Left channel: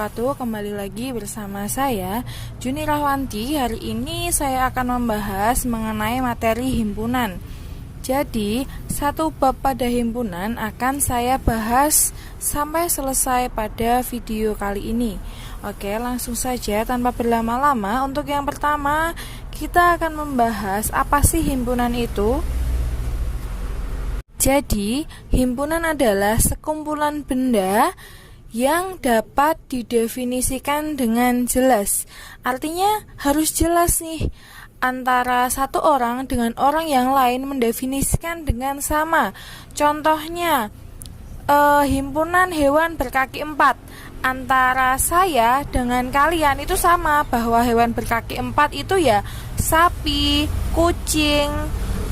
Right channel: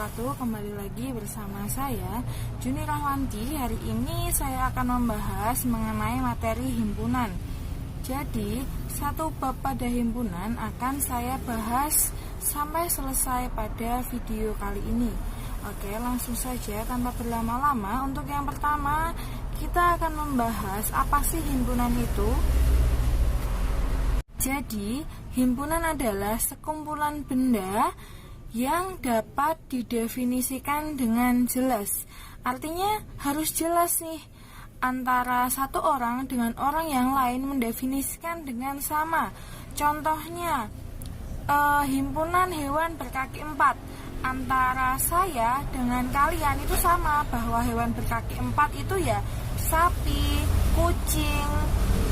wabarakatuh. Kembali lagi bersama saya Juni Rahwanti. Hari ini saya akan membahas mengenai materi himpunan. Jadi, satu bab pada himpunan akan saya bahas sampai selesai pada video kali ini. Oke, langsung saja tanpa berlama-lama. Untuk yang pertama, kita akan membahas apa sih himpunan itu. Jadi, himpunan adalah sekumpulan benda yang dapat didefinisikan dengan jelas. Artinya harus jelas nih, antara satu orang dengan orang yang lain mendefinisikan dengan sama. Contohnya, himpunan hewan berkaki 4. Antara saya dengan kalian itu sama, bahwa hewan berkaki 4 itu ya sapi, kucing,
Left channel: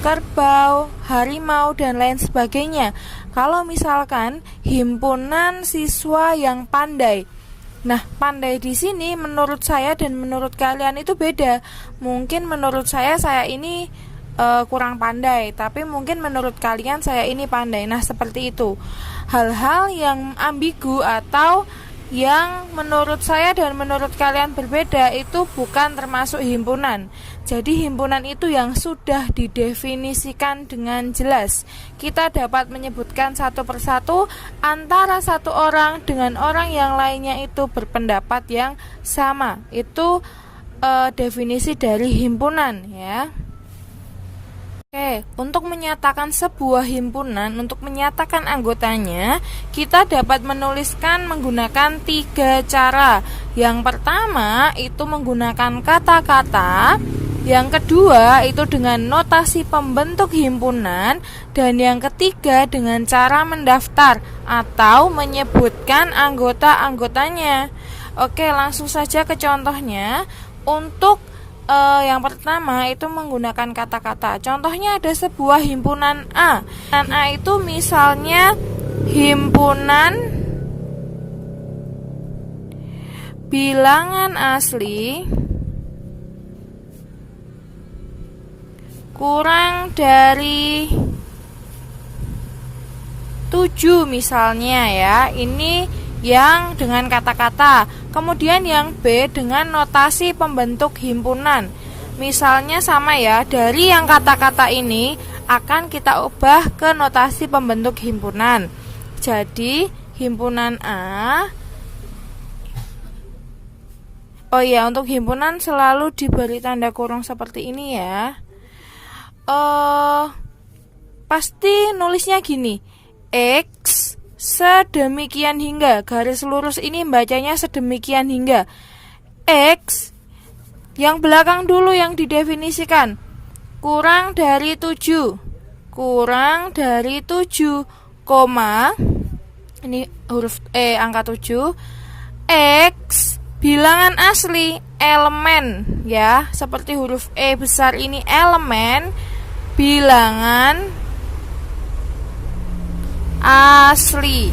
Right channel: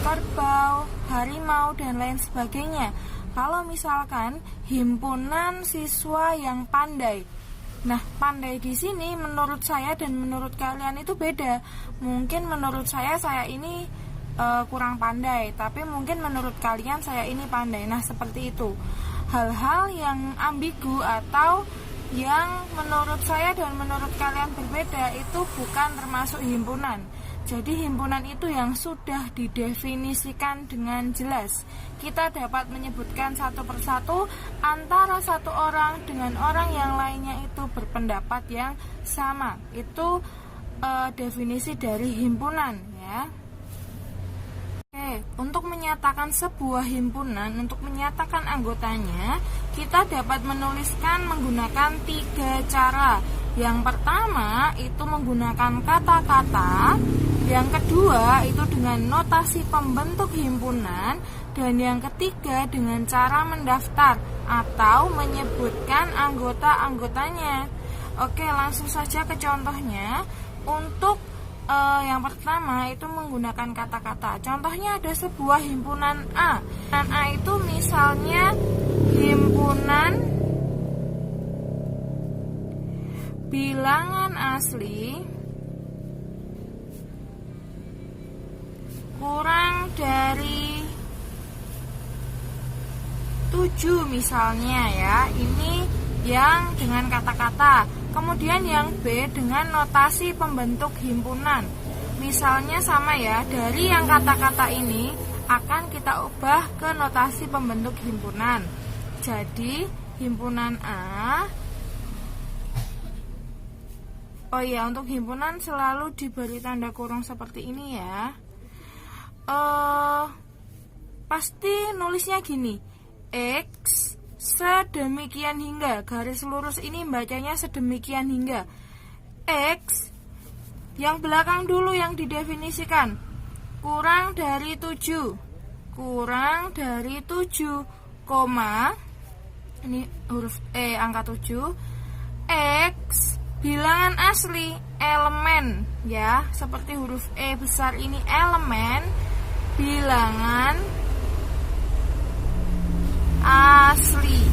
kerbau, harimau, dan lain sebagainya. Kalau misalkan himpunan siswa yang pandai, nah pandai di sini menurut saya dan menurut kalian itu beda. Mungkin menurut saya ini kurang pandai, tapi mungkin menurut kalian saya ini pandai. Nah seperti itu. Hal-hal yang ambigu atau yang menurut saya dan menurut kalian berbeda itu bukan termasuk himpunan. Jadi himpunan itu yang sudah didefinisikan dengan jelas. Kita dapat menyebutkan satu persatu antara satu orang dengan orang yang lainnya itu berpendapat yang sama. Itu definisi dari himpunan ya. Oke, untuk menyatakan sebuah himpunan, untuk menyatakan anggotanya, kita dapat menuliskan menggunakan 3 cara. Yang pertama itu menggunakan kata-kata, yang kedua itu dengan notasi pembentuk himpunan, dan yang ketiga dengan cara mendaftar atau menyebutkan anggota-anggotanya. Oke, langsung saja ke contohnya. Untuk yang pertama itu menggunakan kata-kata. Contohnya ada sebuah himpunan A. Dan A itu misalnya himpunan bilangan asli kurang dari 7 misalnya ya. Ini yang dengan kata-kata. Kemudian yang B dengan notasi pembentuk himpunan. Misalnya sama ya, dari yang kata-kata ini akan kita ubah ke notasi pembentuk himpunan. Jadi himpunan A. Oh iya, untuk himpunan selalu diberi tanda kurung seperti ini ya. Pasti nulisnya gini, X sedemikian hingga, garis lurus ini bacanya sedemikian hingga. X yang belakang dulu yang didefinisikan, kurang dari 7, kurang dari 7, koma, ini huruf E angka 7, X bilangan asli elemen ya, seperti huruf E besar ini elemen bilangan asli,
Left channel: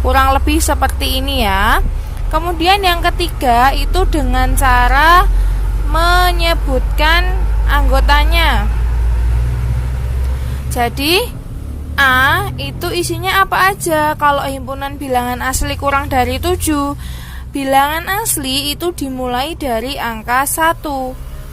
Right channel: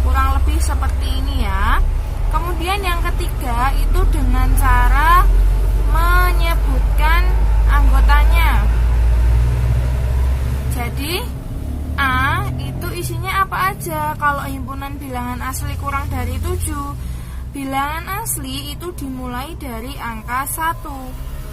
kurang lebih seperti ini ya. Kemudian yang ketiga itu dengan cara menyebutkan anggotanya. Jadi A itu isinya apa aja? Kalau himpunan bilangan asli kurang dari 7, bilangan asli itu dimulai dari angka 1.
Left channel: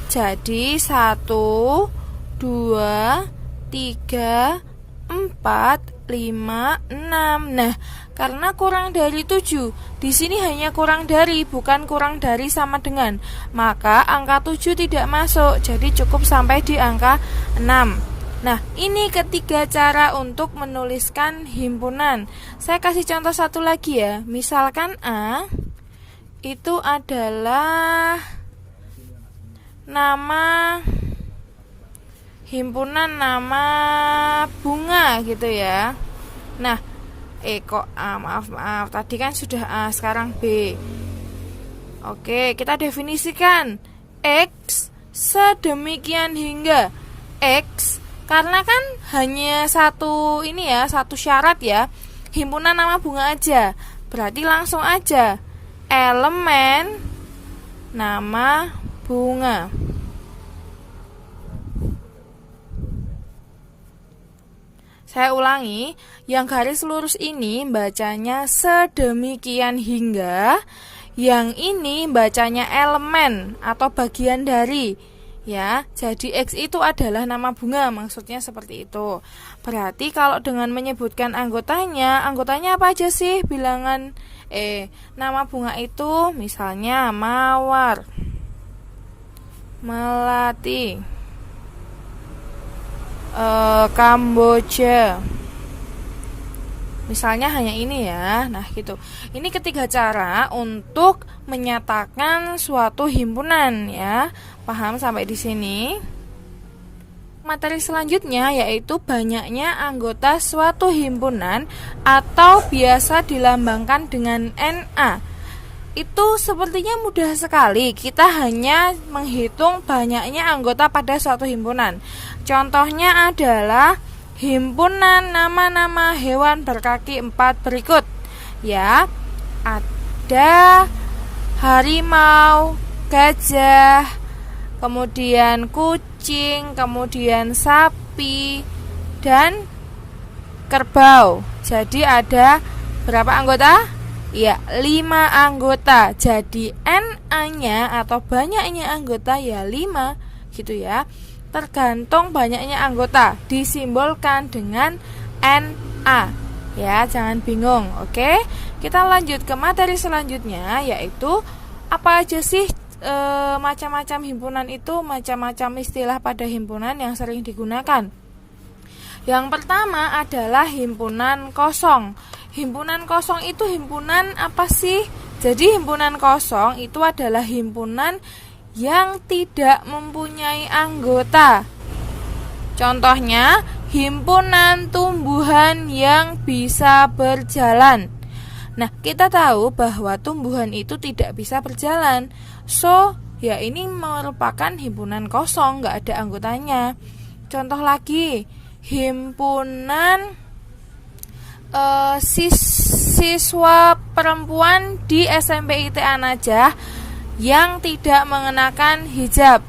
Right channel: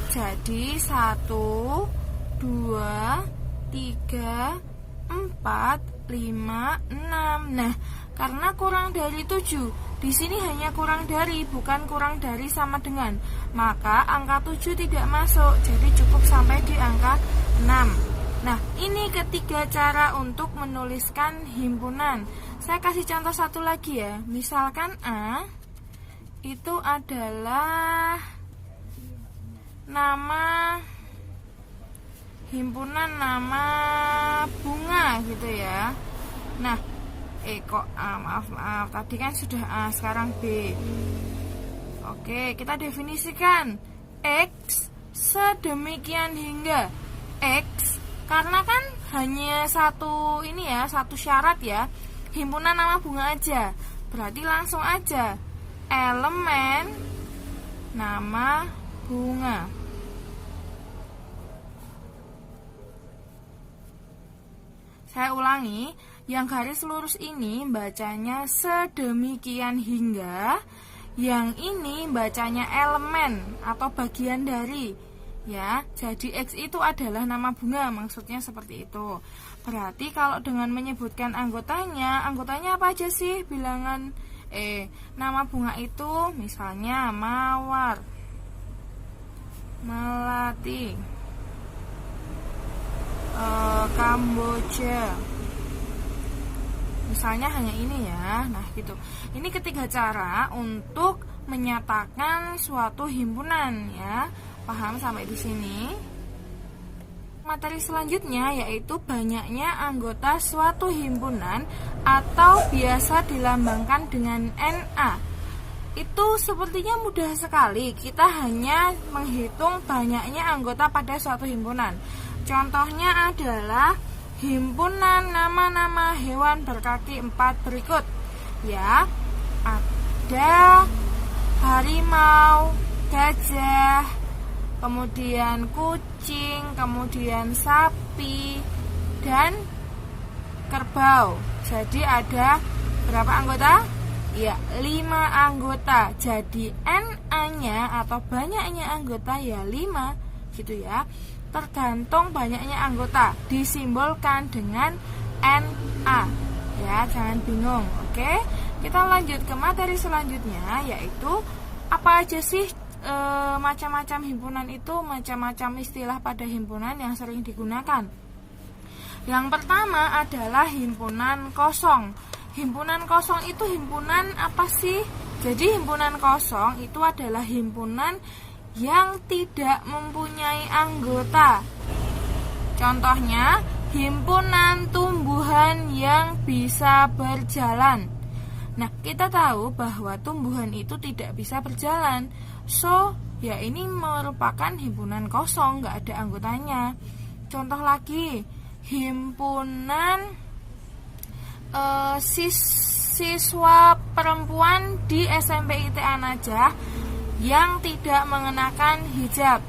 Jadi 1, 2, 3, 4, 5, 6. Nah, karena kurang dari 7, di sini hanya kurang dari, bukan kurang dari sama dengan, maka angka 7 tidak masuk. Jadi cukup sampai di angka 6. Nah, ini ketiga cara untuk menuliskan himpunan. Saya kasih contoh satu lagi ya. Misalkan A itu adalah nama himpunan, nama bunga gitu ya. Nah, maaf tadi kan sudah A, sekarang B. Oke, kita definisikan X sedemikian hingga. X karena kan hanya satu ini ya, satu syarat ya, himpunan nama bunga aja. Berarti langsung aja elemen nama bunga. Saya ulangi, yang garis lurus ini bacanya sedemikian hingga, yang ini bacanya elemen atau bagian dari. Ya, jadi X itu adalah nama bunga, maksudnya seperti itu. Berarti kalau dengan menyebutkan anggotanya apa aja sih bilangan nama bunga itu? Misalnya mawar, melati, Kamboja. Misalnya hanya ini ya. Nah, gitu. Ini ketiga cara untuk menyatakan suatu himpunan ya. Paham sampai di sini? Materi selanjutnya yaitu banyaknya anggota suatu himpunan atau biasa dilambangkan dengan NA. Itu sepertinya mudah sekali. Kita hanya menghitung banyaknya anggota pada suatu himpunan. Contohnya adalah himpunan nama-nama hewan berkaki 4 berikut. Ya, ada harimau, gajah, kemudian kucing, kemudian sapi, dan kerbau. Jadi ada berapa anggota? Ya, 5 anggota. Jadi NA-nya atau banyaknya anggota ya 5 gitu ya. Tergantung banyaknya anggota, disimbolkan dengan NA. Ya, jangan bingung. Oke. Kita lanjut ke materi selanjutnya, yaitu apa aja sih macam-macam himpunan itu, macam-macam istilah pada himpunan yang sering digunakan. Yang pertama adalah himpunan kosong. Himpunan kosong itu himpunan apa sih? Jadi himpunan kosong itu adalah himpunan yang tidak mempunyai anggota. Contohnya, himpunan tumbuhan yang bisa berjalan. Nah, kita tahu bahwa tumbuhan itu tidak bisa berjalan. So, ya ini merupakan himpunan kosong, nggak ada anggotanya. Contoh lagi, himpunan siswa perempuan di SMP ITA Najah yang tidak mengenakan hijab.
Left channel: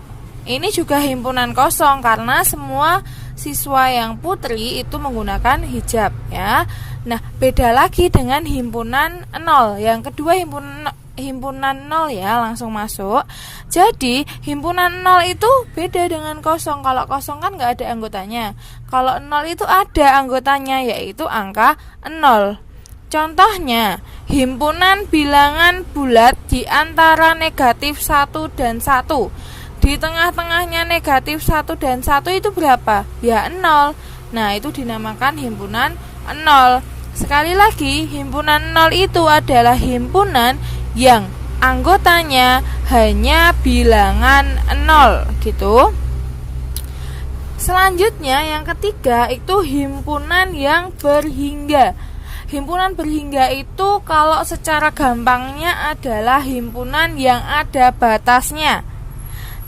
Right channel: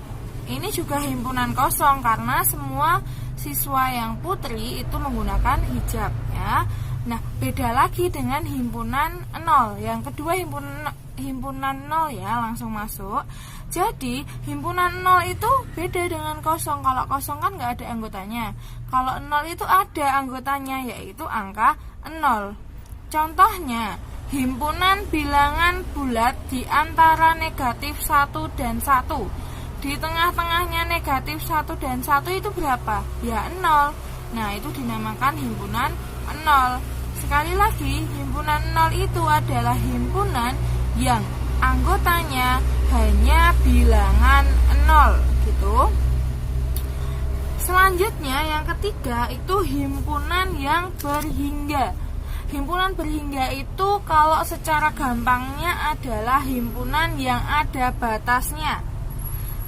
Ini juga himpunan kosong karena semua siswa yang putri itu menggunakan hijab ya. Nah, beda lagi dengan himpunan 0. Yang kedua himpunan 0 ya, langsung masuk. Jadi, himpunan 0 itu beda dengan kosong. Kalau kosong kan nggak ada anggotanya. Kalau 0 itu ada anggotanya, yaitu angka 0. Contohnya, himpunan bilangan bulat di antara negatif 1 dan 1. Di tengah-tengahnya negatif 1 dan 1 itu berapa? Ya 0. Nah, itu dinamakan himpunan 0. Sekali lagi, himpunan 0 itu adalah himpunan yang anggotanya hanya bilangan 0 gitu. Selanjutnya yang ketiga itu himpunan yang berhingga. Himpunan berhingga itu kalau secara gampangnya adalah himpunan yang ada batasnya.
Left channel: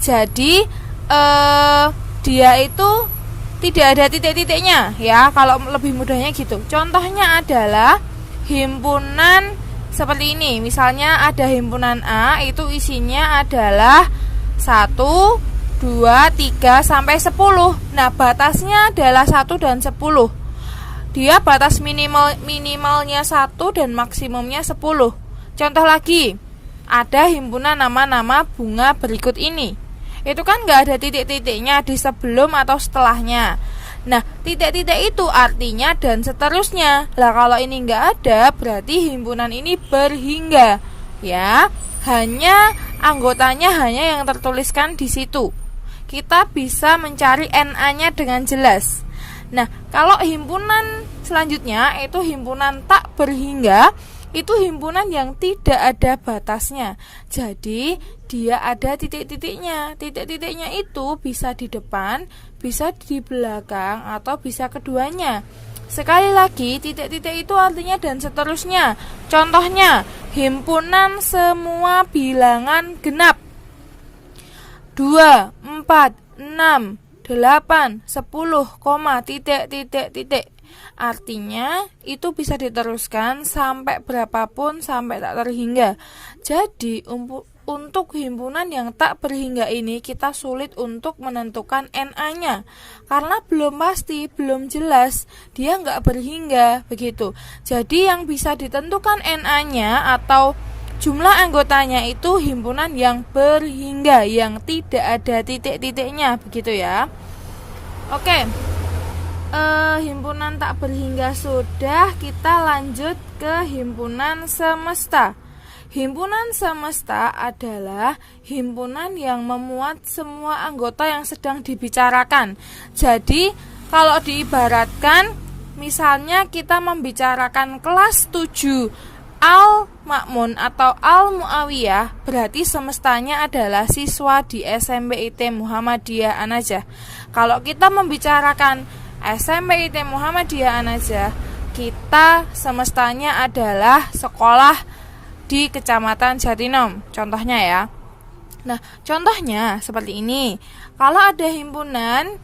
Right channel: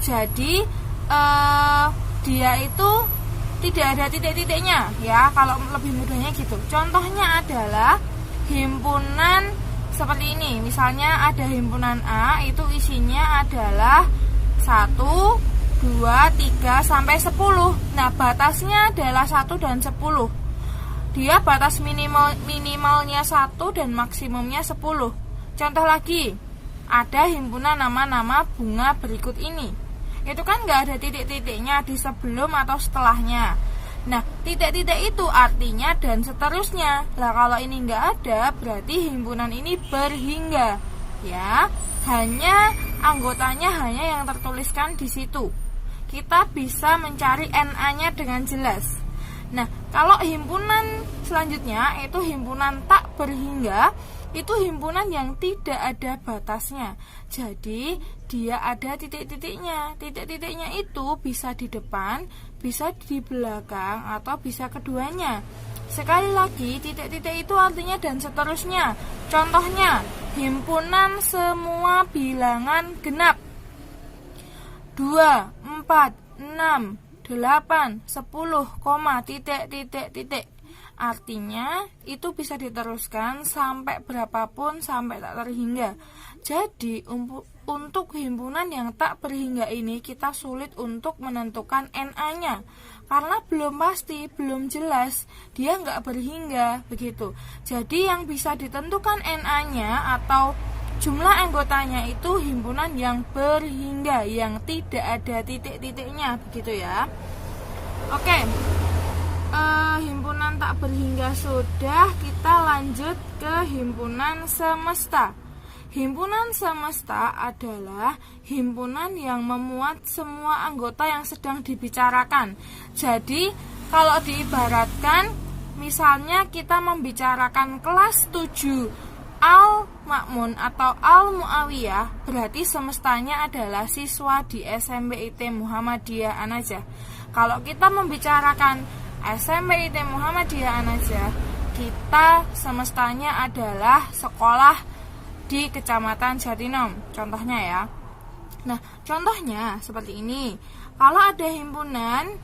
Jadi dia itu tidak ada titik-titiknya ya, kalau lebih mudahnya gitu. Contohnya adalah himpunan seperti ini. Misalnya ada himpunan A, itu isinya adalah 1, 2, 3 sampai 10. Nah, batasnya adalah 1 dan 10. Dia batas minimalnya 1 dan maksimumnya 10. Contoh lagi, ada himpunan nama-nama bunga berikut ini. Itu kan nggak ada titik-titiknya di sebelum atau setelahnya. Nah, titik-titik itu artinya dan seterusnya. Lah, kalau ini nggak ada, berarti himpunan ini berhingga. Ya, hanya anggotanya hanya yang tertuliskan di situ. Kita bisa mencari NA-nya dengan jelas. Nah, kalau himpunan selanjutnya itu himpunan tak berhingga, itu himpunan yang tidak ada batasnya. Jadi, dia ada titik-titiknya. Titik-titiknya itu bisa di depan, bisa di belakang, atau bisa keduanya. Sekali lagi, titik-titik itu artinya dan seterusnya. Contohnya, himpunan semua bilangan genap. 2, 4, 6, 8, 10, titik-titik-titik. Artinya itu bisa diteruskan sampai berapapun, sampai tak terhingga. Jadi untuk himpunan yang tak berhingga ini kita sulit untuk menentukan NA-nya karena belum pasti, belum jelas dia nggak berhingga begitu. Jadi yang bisa ditentukan NA-nya atau jumlah anggotanya itu himpunan yang berhingga, yang tidak ada titik-titiknya begitu ya. Oke, himpunan tak berhingga sudah, kita lanjut ke himpunan semesta. Himpunan semesta adalah himpunan yang memuat semua anggota yang sedang dibicarakan. Jadi, kalau diibaratkan, misalnya kita membicarakan kelas 7 Al-Ma'mun atau Al-Mu'awiyah, berarti semestanya adalah siswa di SMP IT Muhammadiyah An-Najah. Kalau kita membicarakan SMP IT Muhammadiyah An-Najah, kita semestanya adalah sekolah di Kecamatan Jatinom, contohnya ya. Nah, contohnya seperti ini. Kalau ada himpunan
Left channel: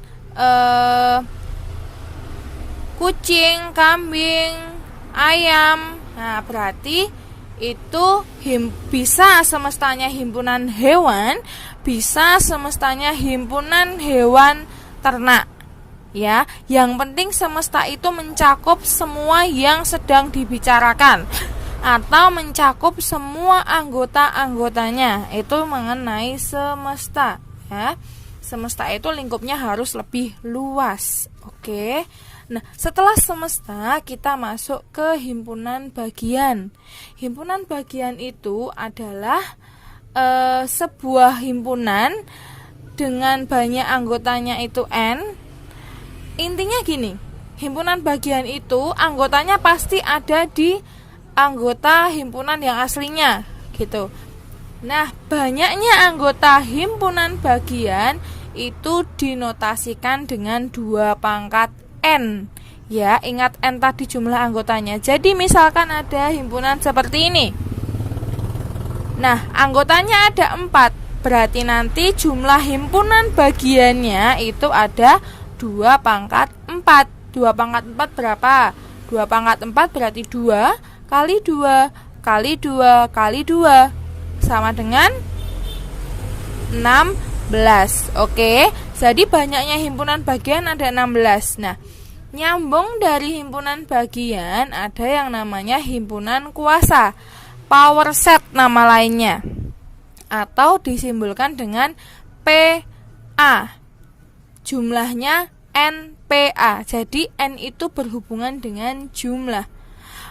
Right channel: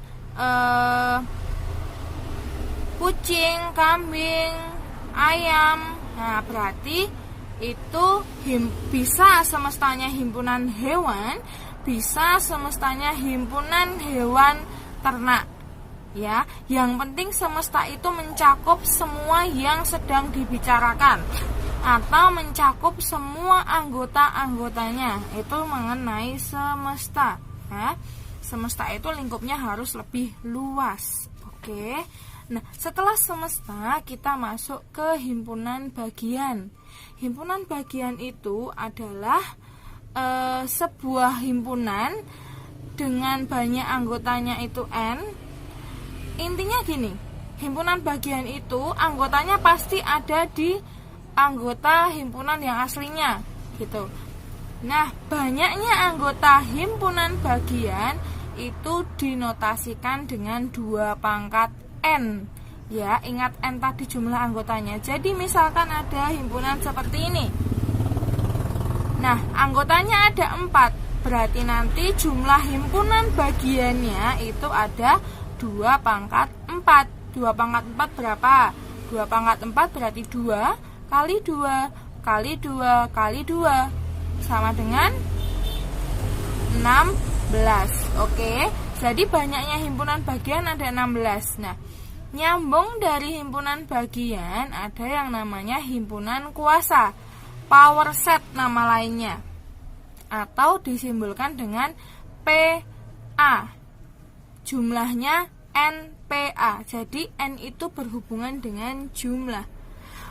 kucing, kambing, ayam, nah berarti itu bisa semestanya himpunan hewan, bisa semestanya himpunan hewan ternak. Ya, yang penting semesta itu mencakup semua yang sedang dibicarakan atau mencakup semua anggota-anggotanya. Itu mengenai semesta ya. Semesta itu lingkupnya harus lebih luas. Oke. Nah, setelah semesta kita masuk ke himpunan bagian. Himpunan bagian itu adalah sebuah himpunan dengan banyak anggotanya itu N. Intinya gini, himpunan bagian itu anggotanya pasti ada di anggota himpunan yang aslinya gitu. Nah, banyaknya anggota himpunan bagian itu dinotasikan dengan 2 pangkat N. Ya, ingat N tadi jumlah anggotanya. Jadi misalkan ada himpunan seperti ini. Nah, anggotanya ada 4. Berarti nanti jumlah himpunan bagiannya itu ada 2 pangkat 4. 2 pangkat 4 berapa? 2 pangkat 4 berarti 2 kali 2 kali 2 kali 2 sama dengan 16. Oke, jadi banyaknya himpunan bagian ada 16. Nah, nyambung dari himpunan bagian ada yang namanya himpunan kuasa, power set nama lainnya, atau disimbolkan dengan PA. Jumlahnya NPA. Jadi N itu berhubungan dengan jumlah.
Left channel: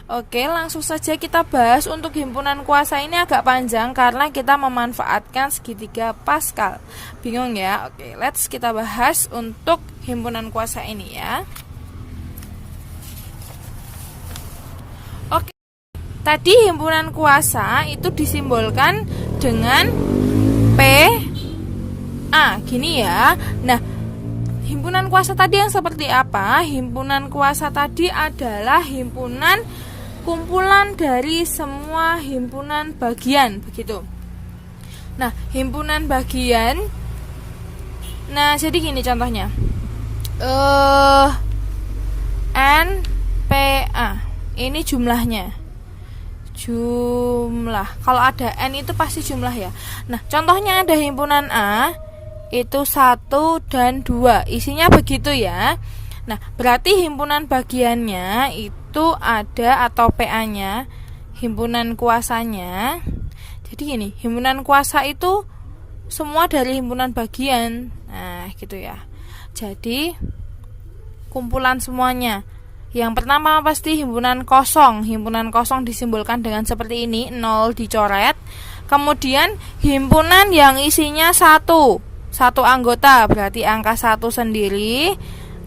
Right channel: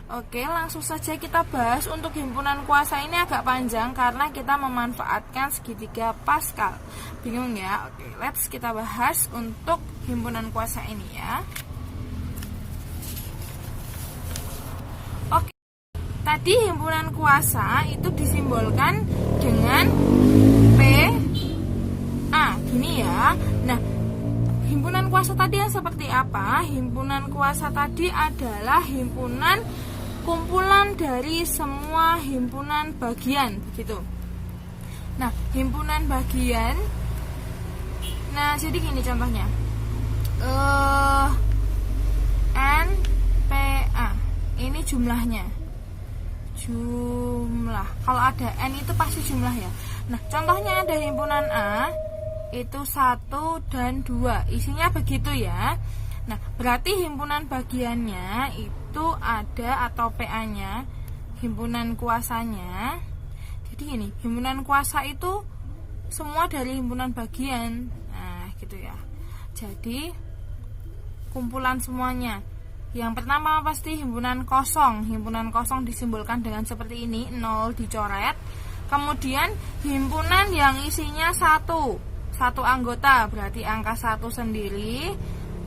Oke, langsung saja kita bahas. Untuk himpunan kuasa ini agak panjang karena kita memanfaatkan segitiga Pascal. Bingung ya? Oke, let's kita bahas untuk himpunan kuasa ini ya. Oke, tadi himpunan kuasa itu disimbolkan dengan PA. Gini ya. Nah, himpunan kuasa tadi yang seperti apa? Himpunan kuasa tadi adalah himpunan kumpulan dari semua himpunan bagian begitu. Nah, himpunan bagian. Nah, jadi gini contohnya. NPA. Ini jumlahnya. Jumlah. Kalau ada N itu pasti jumlah ya. Nah, contohnya ada himpunan A itu 1 dan 2. Isinya begitu ya. Nah, berarti himpunan bagiannya itu ada atau PA-nya, himpunan kuasanya. Jadi gini, himpunan kuasa itu semua dari himpunan bagian. Nah, gitu ya. Jadi kumpulan semuanya. Yang pertama pasti himpunan kosong. Himpunan kosong disimbolkan dengan seperti ini, 0 dicoret. Kemudian himpunan yang isinya 1 anggota, berarti angka 1 sendiri,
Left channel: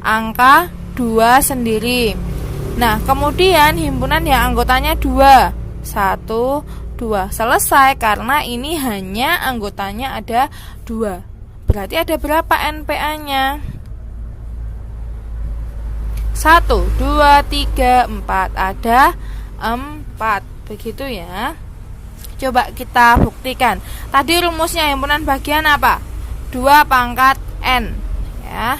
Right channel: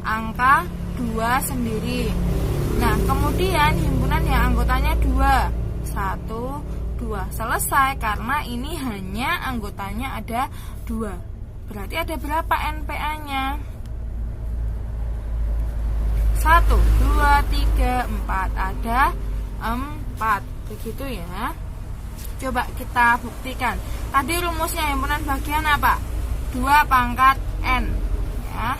angka 2 sendiri. Nah, kemudian himpunan yang anggotanya 2, 1, 2. Selesai, karena ini hanya anggotanya ada 2. Berarti ada berapa NPA-nya? 1, 2, 3, 4. Ada 4. Begitu ya. Coba kita buktikan. Tadi rumusnya himpunan bagian apa? 2 pangkat N ya.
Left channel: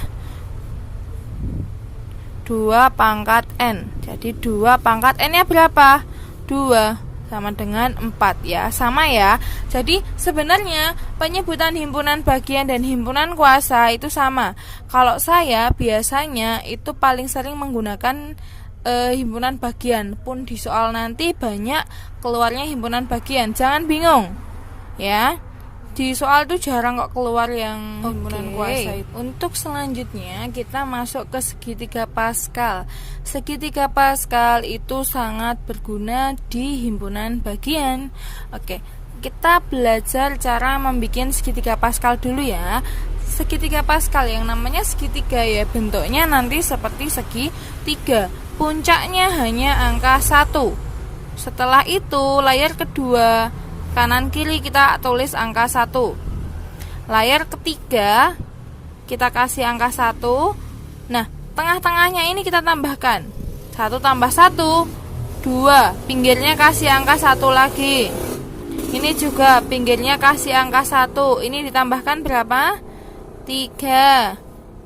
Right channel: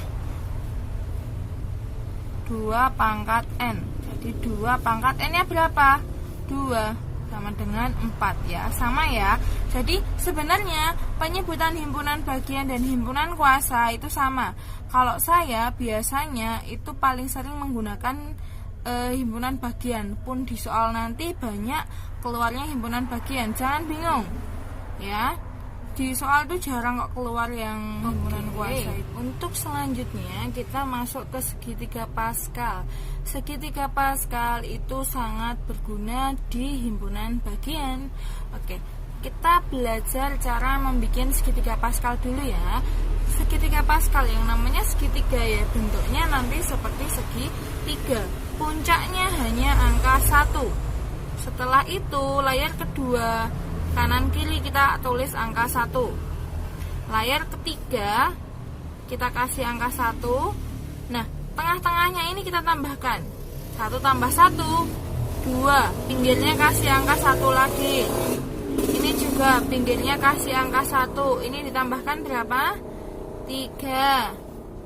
2 pangkat N. Jadi 2 pangkat N nya berapa? 2. sama dengan 4 ya. Sama ya. Jadi sebenarnya penyebutan himpunan bagian dan himpunan kuasa itu sama. Kalau saya biasanya itu paling sering menggunakan himpunan bagian, pun di soal nanti banyak keluarnya himpunan bagian. Jangan bingung ya. Di soal itu jarang kok keluar yang himpunan kuasa itu. Untuk selanjutnya kita masuk ke segitiga Pascal. Segitiga Pascal itu sangat berguna di himpunan bagian. Oke, kita belajar cara membuat segitiga Pascal dulu ya. Segitiga Pascal yang namanya segitiga ya, bentuknya nanti seperti segitiga. Puncaknya hanya angka 1. Setelah itu layar kedua kanan kiri kita tulis angka 1. Layar ketiga kita kasih angka 1. Nah, tengah-tengahnya ini kita tambahkan 1 tambah 1 2. Pinggirnya kasih angka 1 lagi. Ini juga pinggirnya kasih angka 1. Ini ditambahkan berapa? 3.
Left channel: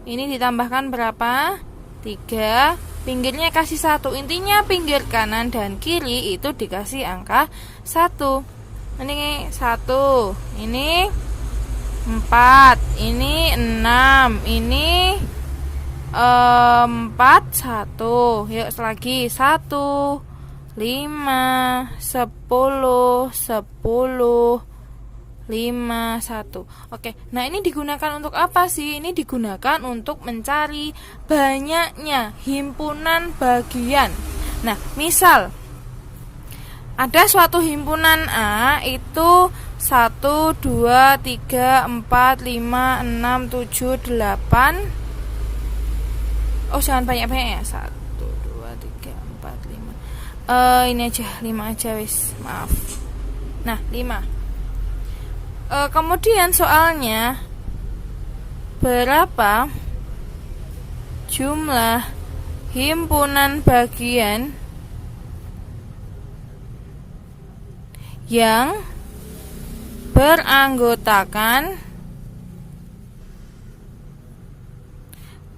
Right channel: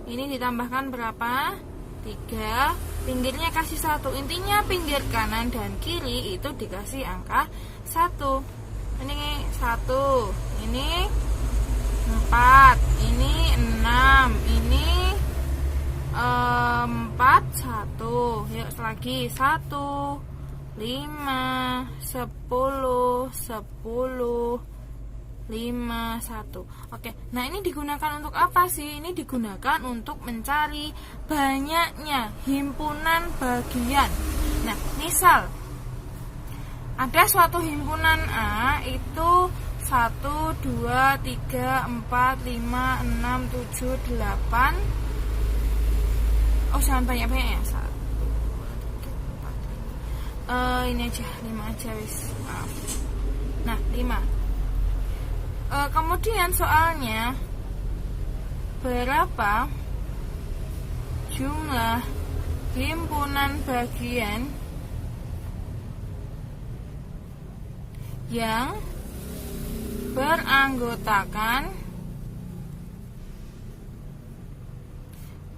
Ini ditambahkan berapa? 3. Pinggirnya kasih 1. Intinya pinggir kanan dan kiri itu dikasih angka 1. Ini 1, ini 4, ini 6, ini 4, 1. Yuk lagi 1, 5, 10, 10, 5, 1. Oke, nah ini digunakan untuk apa sih? Ini digunakan untuk mencari banyaknya himpunan bagian. Nah, misal ada suatu himpunan A itu 1, 2, 3, 4, 5, 6, 7, 8. Oh, jangan banyak-banyak ya. 1, 2, 3, 4, 5. Ini aja, 5 aja wis. Maaf. Nah, 5. Kemudian soalnya berapa jumlah himpunan bagian yang beranggotakan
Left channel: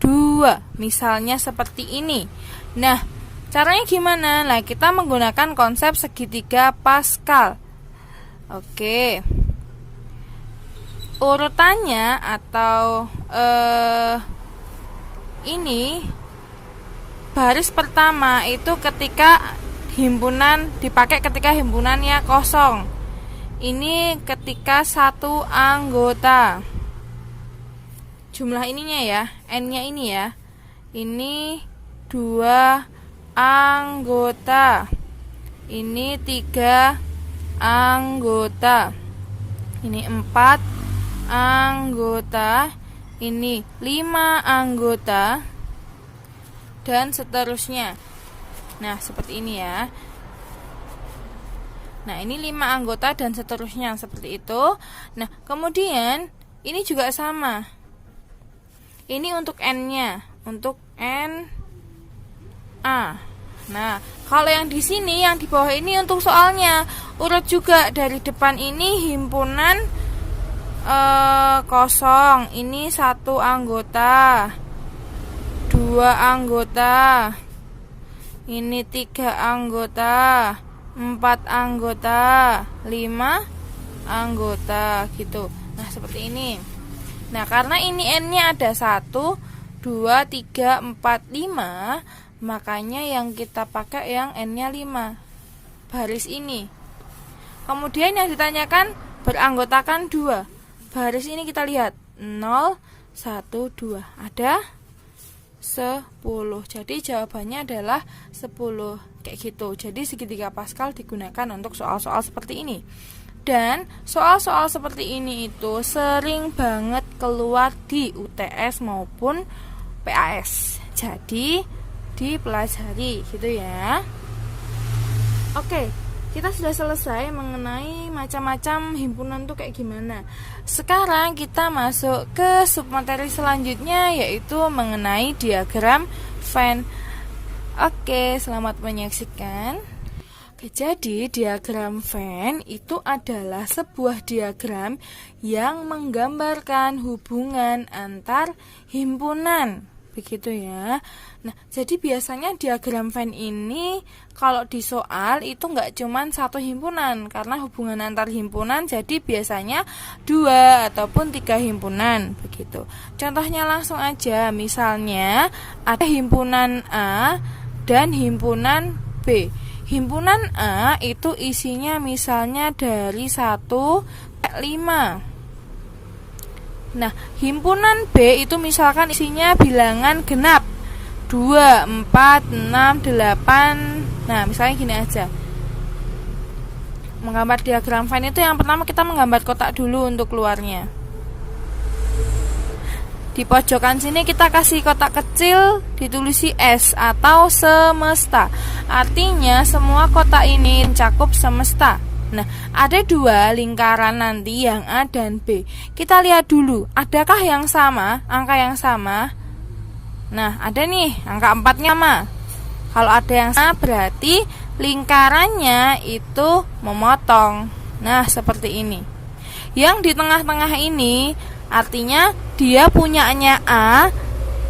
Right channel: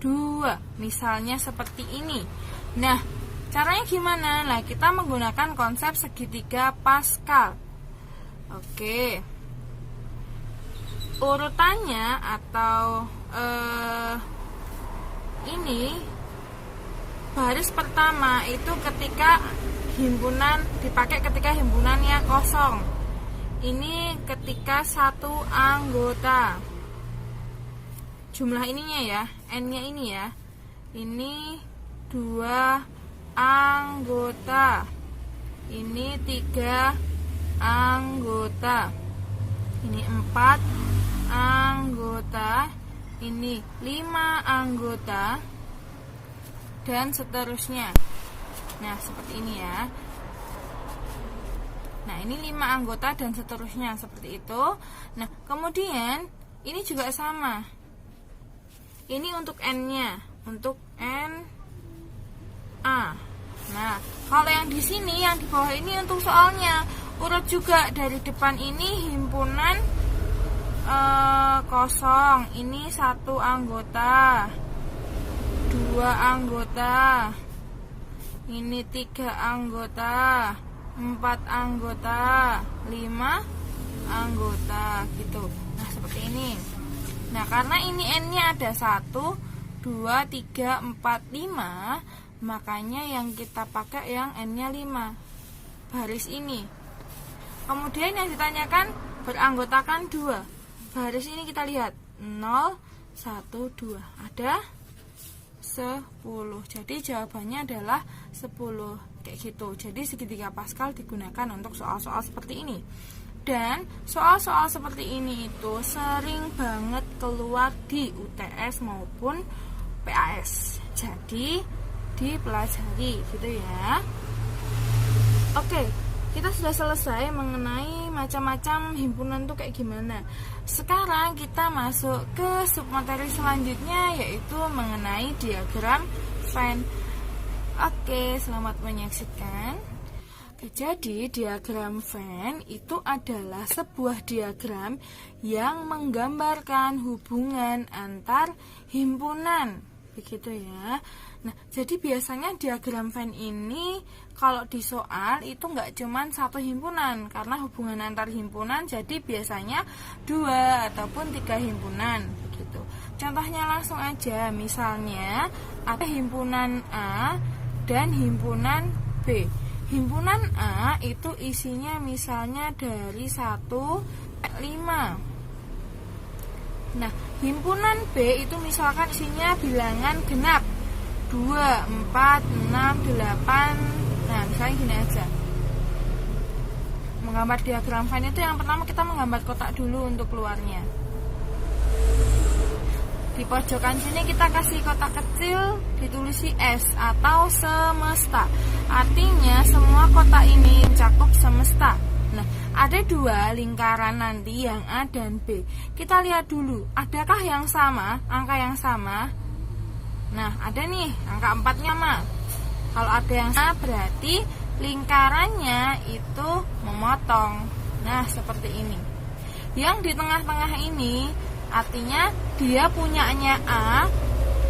2, misalnya seperti ini. Nah, caranya gimana? Nah, kita menggunakan konsep segitiga Pascal. Oke, urutannya atau ini baris pertama itu ketika himpunan dipakai ketika himpunannya kosong. Ini ketika 1 anggota. Jumlah ininya ya, N-nya ini ya. Ini 2 anggota. Ini 3 anggota. Ini 4 anggota. Ini 5 anggota. Dan seterusnya. Nah, seperti ini ya. Nah, ini 5 anggota dan seterusnya seperti itu. Nah, kemudian ini juga sama. Ini untuk N-nya, untuk N A. Nah, kalau yang di sini, yang di bawah ini untuk soalnya urut juga dari depan ini himpunan kosong. Ini 1 anggota, 2 anggota. Ini 3 anggota, 4 anggota, 5 anggota gitu. Nah, seperti ini. Nah, karena ini N-nya ada 1, 2, 3, 4, 5, makanya yang kita pakai yang N-nya 5. Baris ini. Kemudian yang ditanyakan beranggotakan 2. Baris ini kita lihat 0, 1, 2. Ada 10. Jadi jawabannya adalah 10. Kayak gitu. Jadi segitiga Pascal digunakan untuk soal-soal seperti ini. Dan soal-soal seperti ini itu sering banget keluar di UTS maupun PAS. Jadi dipelajari gitu ya. Oke, kita sudah selesai mengenai macam-macam himpunan tuh kayak gimana. Sekarang kita masuk ke submateri selanjutnya, yaitu mengenai diagram Venn. Oke, selamat menyaksikan. Jadi diagram Venn itu adalah sebuah diagram yang menggambarkan hubungan antar himpunan. Begitu ya. Nah, jadi biasanya diagram Venn ini kalau di soal itu nggak cuman satu himpunan, karena hubungan antar himpunan jadi biasanya 2 ataupun 3 himpunan begitu. Contohnya langsung aja, misalnya ada himpunan A dan himpunan B. Himpunan A itu isinya misalnya dari 1 sampai 5. Nah, himpunan B itu misalkan isinya bilangan genap 2, 4, 6, 8. Nah, misalnya gini aja. Menggambar diagram Venn itu yang pertama kita menggambar kotak dulu untuk keluarnya. Di pojokan sini kita kasih kotak kecil, ditulisi S atau semesta. Artinya semua kotak ini mencakup semesta. Nah, ada 2 lingkaran nanti yang A dan B. Kita lihat dulu, adakah yang sama, angka yang sama? Nah, ada nih, angka 4-nya sama. Kalau ada yang sama berarti lingkarannya itu memotong. Nah, seperti ini. Yang di tengah-tengah ini artinya dia punyanya A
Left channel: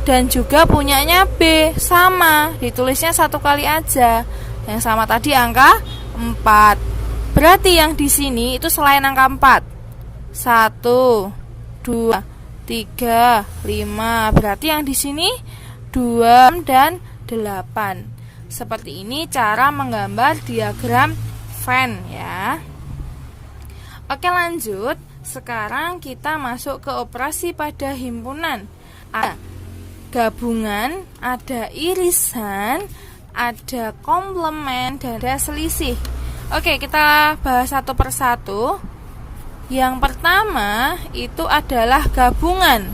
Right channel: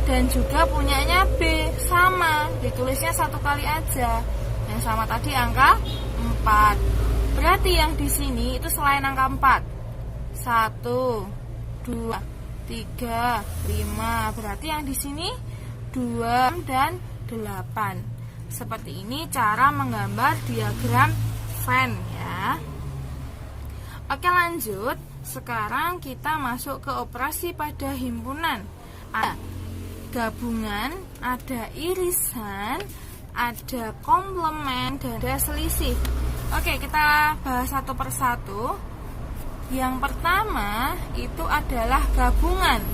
dan juga punyanya B, sama. Ditulisnya 1 kali aja. Yang sama tadi angka 4. Berarti yang di sini itu selain angka 4. 1, 2, 3, 5. Berarti yang di sini 2 dan 8. Seperti ini cara menggambar diagram Venn ya. Oke, lanjut. Sekarang kita masuk ke operasi pada himpunan. Ada gabungan, ada irisan, ada komplement, dan ada selisih. Oke, kita bahas satu persatu. Yang pertama itu adalah gabungan.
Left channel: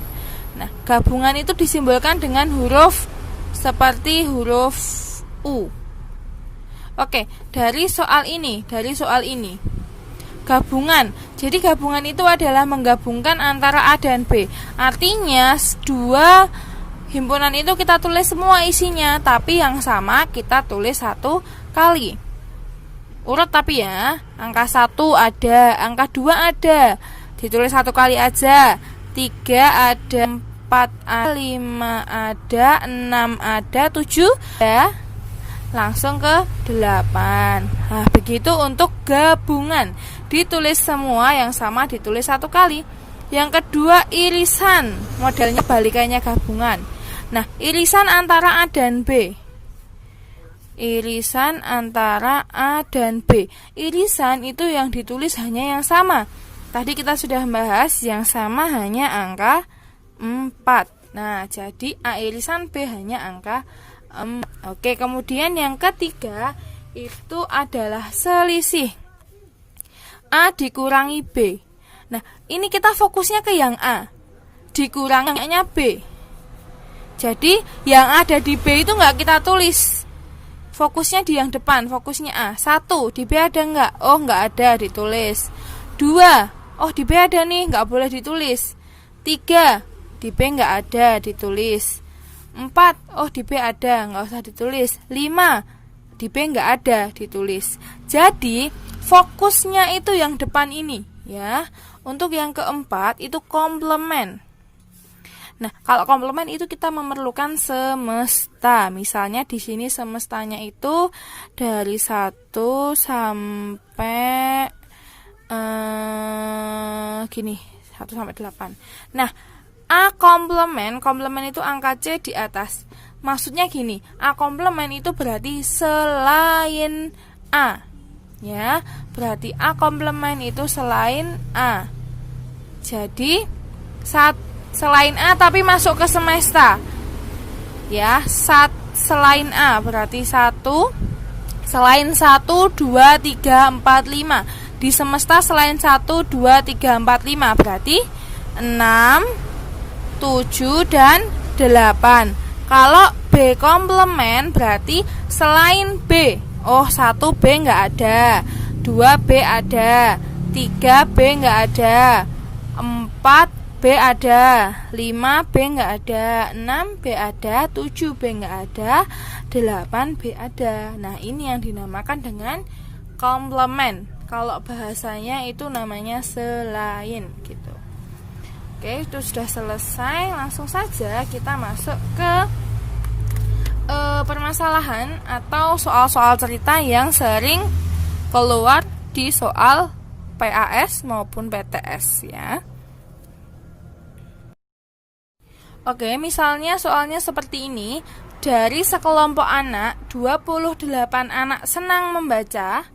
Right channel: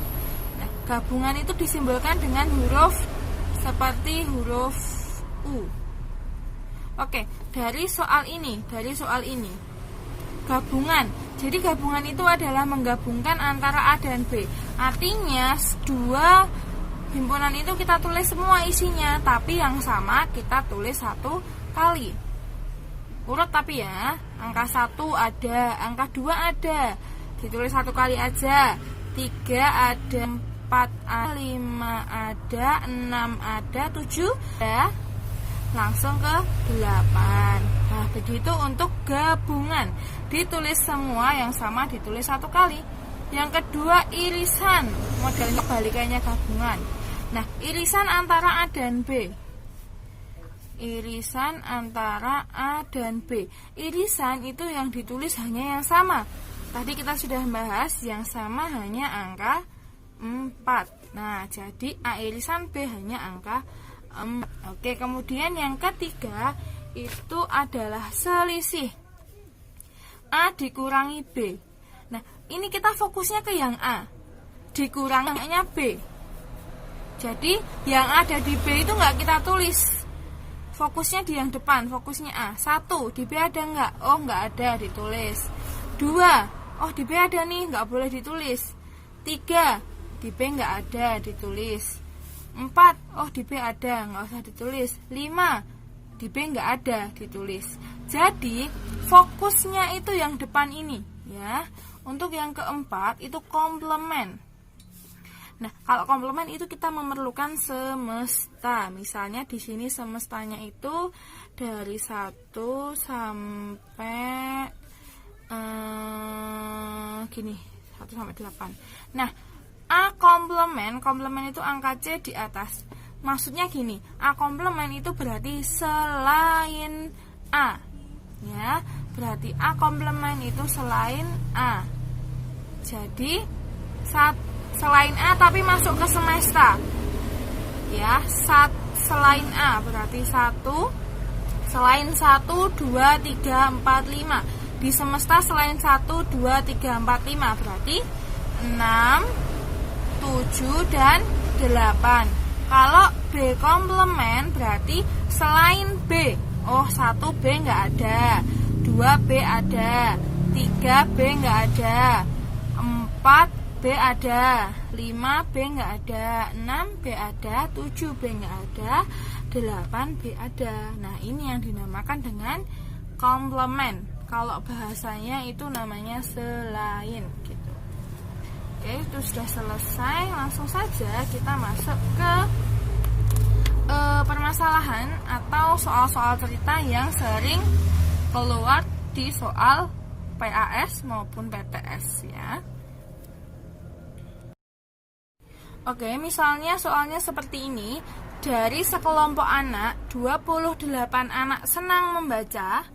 Nah, gabungan itu disimbolkan dengan huruf seperti huruf U. Oke, dari soal ini. Gabungan. Jadi gabungan itu adalah menggabungkan antara A dan B. Artinya 2 himpunan itu kita tulis semua isinya, tapi yang sama kita tulis 1 kali. Urut tapi ya, angka 1 ada, angka 2 ada, ditulis 1 kali aja. 3 ada, 4 ada, 5 ada, 6 ada, 7 ada, langsung ke 8. Nah, begitu untuk gabungan. Ditulis semua yang sama, ditulis 1 kali. Yang kedua, irisan. Modelnya balikannya gabungan. Nah, irisan antara A dan B. Irisan antara A dan B. Irisan itu yang ditulis hanya yang sama. Tadi kita sudah bahas yang sama hanya angka 4. Nah, jadi A irisan B hanya angka 4. Oke, kemudian yang ketiga itu adalah selisih. A dikurangi B. Nah, ini kita fokusnya ke yang A dikuranginya B. Jadi yang ada di B itu nggak kita tulis. Fokusnya di yang depan, fokusnya A. 1, di B ada nggak? Oh, nggak ada, ditulis. 2, oh di B ada nih, nggak boleh ditulis. 3, di B nggak ada, ditulis. 4, oh di B ada, nggak usah ditulis. 5, di B nggak ada, ditulis. Jadi fokusnya itu yang depan ini ya. Untuk yang keempat itu komplement. Nah, kalau komplement itu kita memerlukan semesta. Misalnya di sini semestanya itu dari 1 sampai gini, 1 sampai 8. Nah, A komplement itu angka C di atas. Maksudnya gini, A komplement itu berarti selain A. Ya, berarti A komplement itu selain A. Jadi selain A tapi masuk ke semesta. Ya, selain A berarti 1, selain 1, 2, 3, 4, 5. Di semesta selain 1, 2, 3, 4, 5 berarti 6, 7 dan 8. Kalau B komplement berarti selain B. Oh, 1 B nggak ada, 2 B ada, 3 B nggak ada, 4 B ada, 5 B nggak ada, 6 B ada, 7 B nggak ada, 8 B ada. Nah, ini yang dinamakan dengan komplement. Kalau bahasanya itu namanya selain gitu. Oke, itu sudah selesai. Langsung saja kita masuk ke permasalahan atau soal-soal cerita yang sering keluar di soal PAS maupun PTS ya. Oke, misalnya soalnya seperti ini. Dari sekelompok anak, 28 anak senang membaca.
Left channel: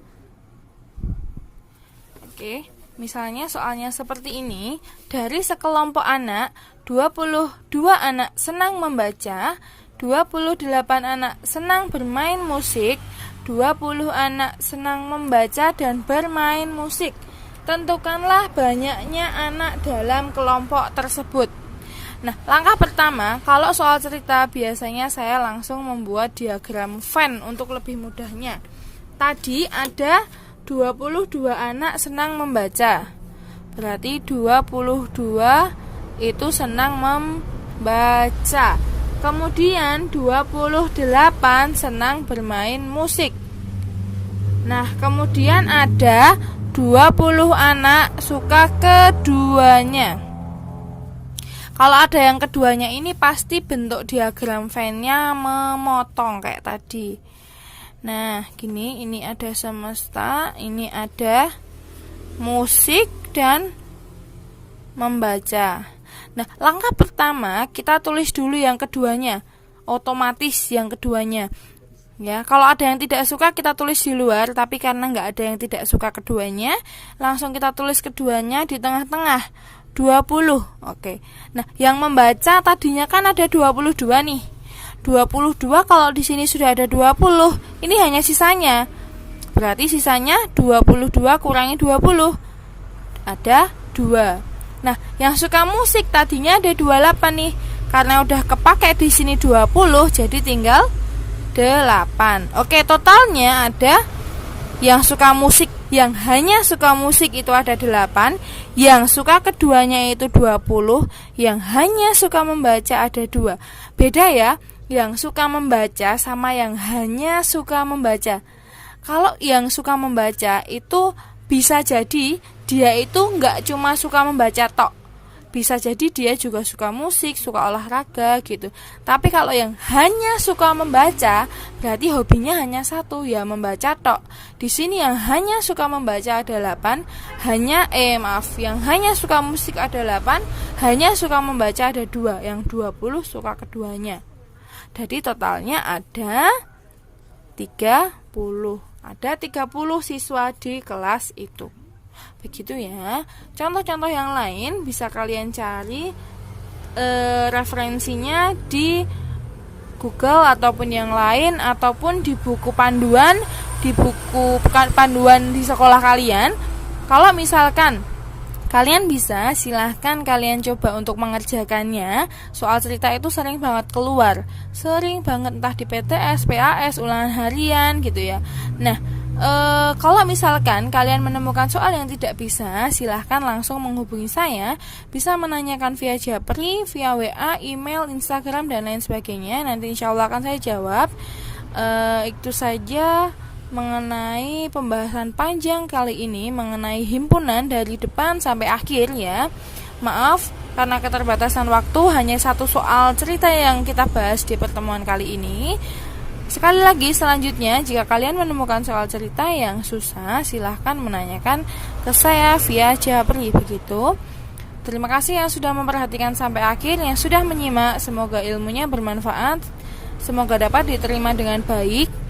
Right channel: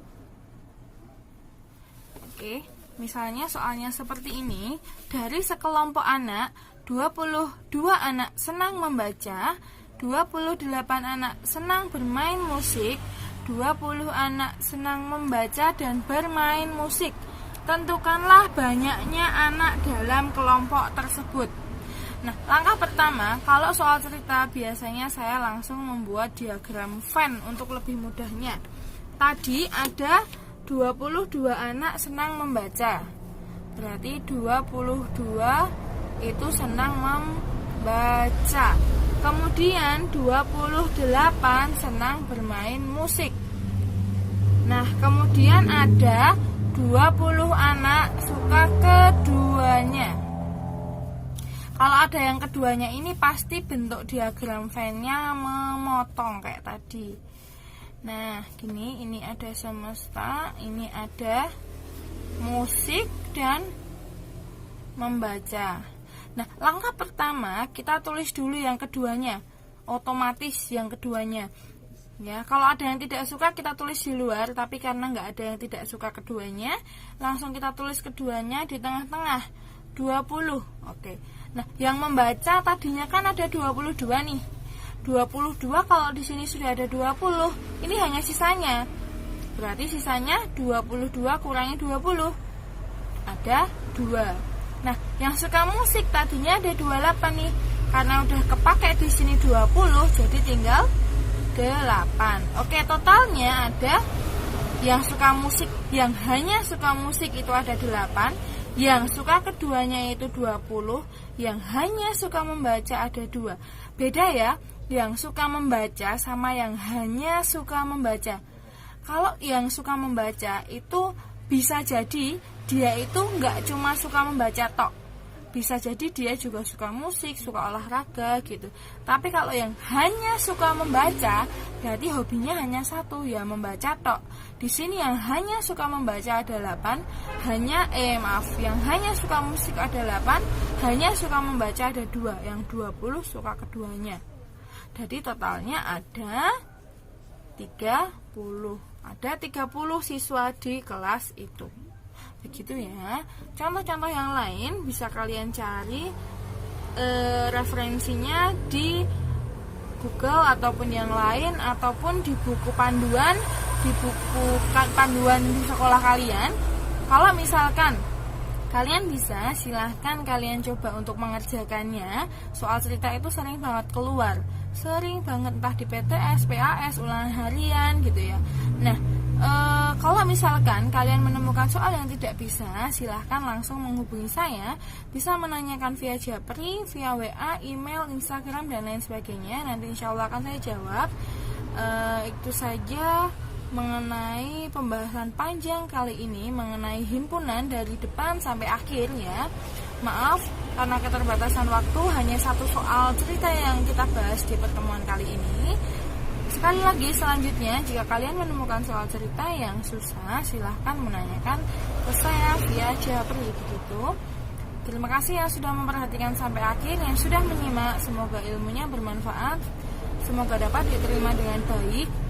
Oke, misalnya soalnya seperti ini. Dari sekelompok anak, 22 anak senang membaca, 28 anak senang bermain musik, 20 anak senang membaca dan bermain musik. Tentukanlah banyaknya anak dalam kelompok tersebut. Nah, langkah pertama, kalau soal cerita biasanya saya langsung membuat diagram Venn untuk lebih mudahnya. Tadi ada 22 anak senang membaca. Berarti 22 itu senang membaca. Kemudian 28 senang bermain musik. Nah, kemudian ada 20 anak suka keduanya. Kalau ada yang keduanya ini pasti bentuk diagram Venn-nya memotong kayak tadi. Nah, gini, ini ada semesta, ini ada musik dan membaca. Nah, langkah pertama kita tulis dulu yang keduanya, otomatis yang keduanya. Ya, kalau ada yang tidak suka kita tulis di luar, tapi karena nggak ada yang tidak suka keduanya, langsung kita tulis keduanya di tengah-tengah, 20. Oke. Nah, yang membaca tadinya kan ada 22 nih. 22 kalau di sini sudah ada 20, ini hanya sisanya. Berarti sisanya 22 kurangi 20. Ada 2. Nah, yang suka musik tadinya ada 28 nih. Karena udah kepake di sini 20, jadi tinggal 8. Oke, totalnya ada yang suka musik, yang hanya suka musik itu ada 8, yang suka keduanya itu 20, yang hanya suka membaca ada 2. Beda ya, yang suka membaca sama yang hanya suka membaca. Kalau yang suka membaca itu bisa jadi dia itu nggak cuma suka membaca tok, bisa jadi dia juga suka musik, suka olahraga gitu. Tapi kalau yang hanya suka membaca, berarti hobinya hanya satu, ya membaca tok. Di sini yang hanya suka membaca ada 8, yang hanya suka musik ada 8, hanya suka membaca ada 2, yang 20 suka keduanya. Jadi totalnya ada 30. Ada 30 siswa di kelas itu. Begitu ya. Contoh-contoh yang lain bisa kalian cari referensinya di Google ataupun yang lain, ataupun di buku panduan, di buku panduan di sekolah kalian. Kalau misalkan kalian bisa, silahkan kalian coba untuk mengerjakannya. Soal cerita itu sering banget keluar, sering banget entah di PTS, PAS, ulangan harian gitu ya. Nah, kalau misalkan kalian menemukan soal yang tidak bisa, silahkan langsung menghubungi saya. Bisa menanyakan via Japri, via WA, email, Instagram, dan lain sebagainya. Nanti insya Allah akan saya jawab. Itu saja mengenai pembahasan panjang kali ini mengenai himpunan dari depan sampai akhir ya. Maaf karena keterbatasan waktu, hanya satu soal cerita yang kita bahas di pertemuan kali ini. Sekali lagi, selanjutnya jika kalian menemukan soal cerita yang susah, silahkan menanyakan ke saya via Japri begitu. Terima kasih yang sudah memperhatikan sampai akhir, yang sudah menyimak. Semoga ilmunya bermanfaat, semoga dapat diterima dengan baik.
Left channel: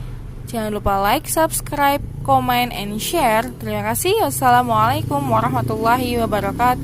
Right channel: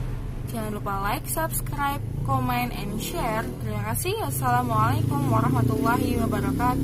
Jangan lupa like, subscribe, comment, and share. Terima kasih. Wassalamualaikum warahmatullahi wabarakatuh.